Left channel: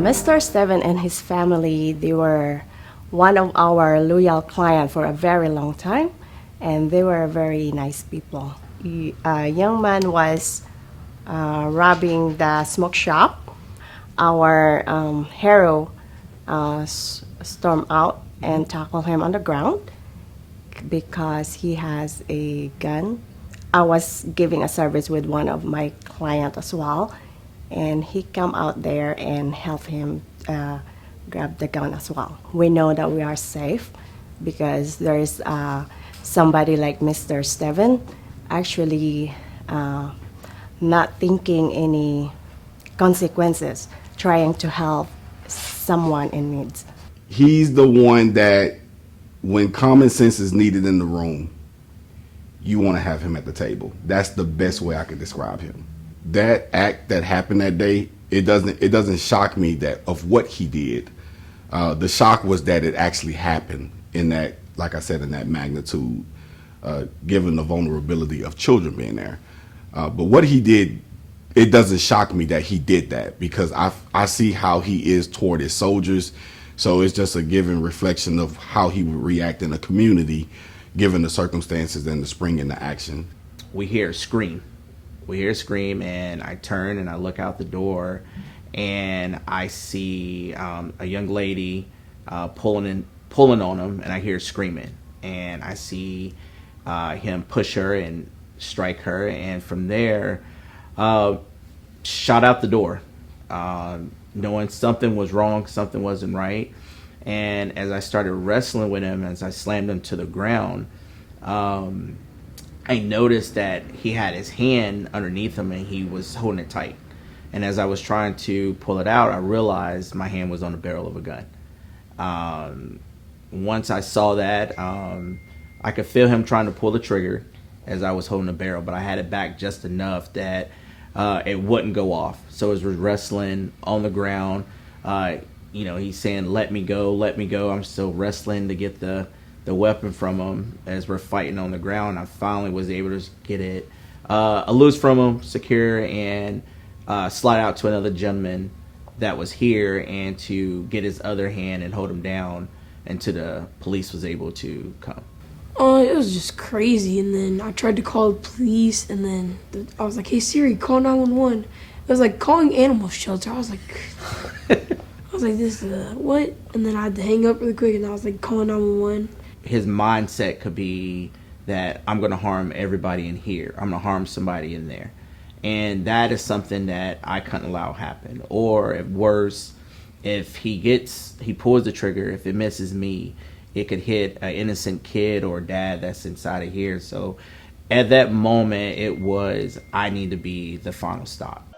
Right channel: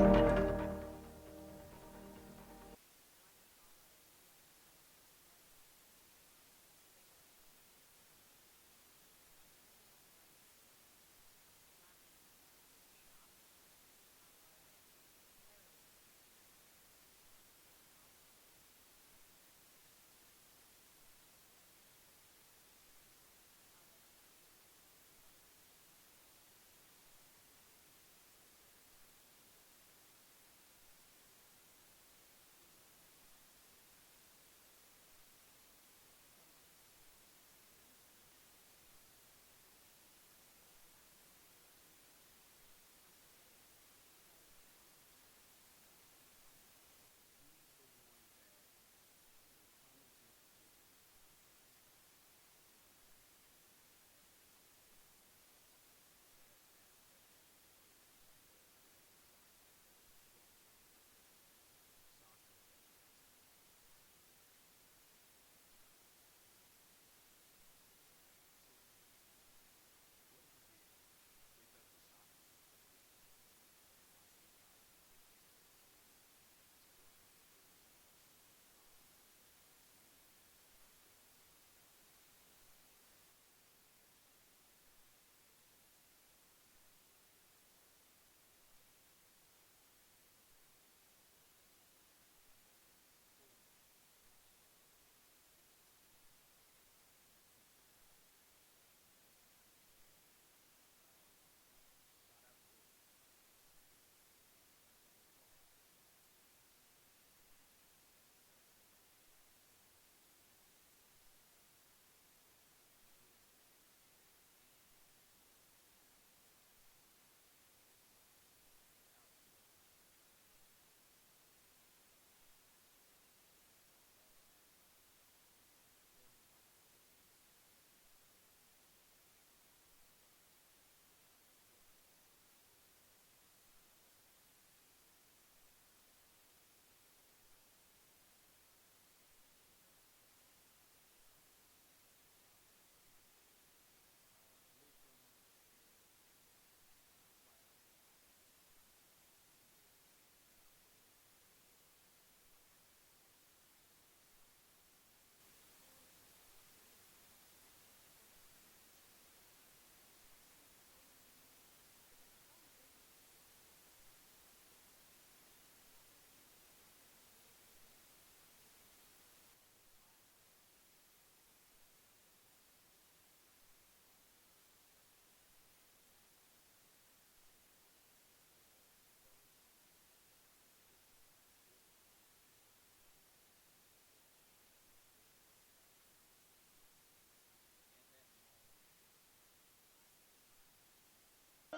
Mr. Steven and his family, they were one of our loyal clients for a very long time, and they were very nice people. A young man was robbing the smoke shop. Our hero stormed out and tackled him on the ground because he has a gun. I was giving a service with one of my clients as well, and he come out there and help him grab the gun as well. We know that we are safe because there is somebody like Mr. Steven actually not thinking any consequences, trying to help someone in need. He's the one that, when common sense is needed in the room, you want to have him at the table. That's the best way I could describe him. That act that happened that day, it doesn't shock me that of what he did. The shock was that it actually happened in that, like I said, in that magnitude, given the vulnerability of children being there. But what he did, it doesn't shock me that he did that, because I see how he is toward his soldiers. So it's just a given reflection of how he would react in a community, given the circumstances and the spring into action. We hear a scream. We hear a scream, and I turn and I look out the door, and I see a young lady pulling on him, and I hear screaming, and I see him push her and strike her, and from there, shot out the door, knowing something was wrong, something wasn't right. And as I started wrestling with him, as I slammed him to the ground, I noticed that he had his hand underneath him and he was holding it tight. And as I was trying to pull it out, I realized my hand was on the barrel of a gun. Once I saw that, I could feel him trying to pull the trigger as I was holding the barrel, but I had it back just enough that it wouldn't go off. So as we're wrestling on the ground, he's saying, let me go, let me go. I'm still wrestling to get the weapon from him as we're fighting on the ground. I finally was able to get it loose from him, secure, and slide out to another gentleman that was here and to get his other hand and hold him down until the police was able to come. It was just crazy, and then I tried to call the police, and then I was like, hey Siri, call 911. It was like calling animal shelter. I was like, this what? And then I had to hang up really quick, and I was like, calling 911. His mindset could be that I'm going to harm everybody in here. I'm going to harm somebody in there. And that is something that I couldn't allow happen. Or if worse, if he pulls the trigger, if it misses me, it could hit an innocent kid or dad that's inside of here. So at that moment, it was, I need to be the final stop.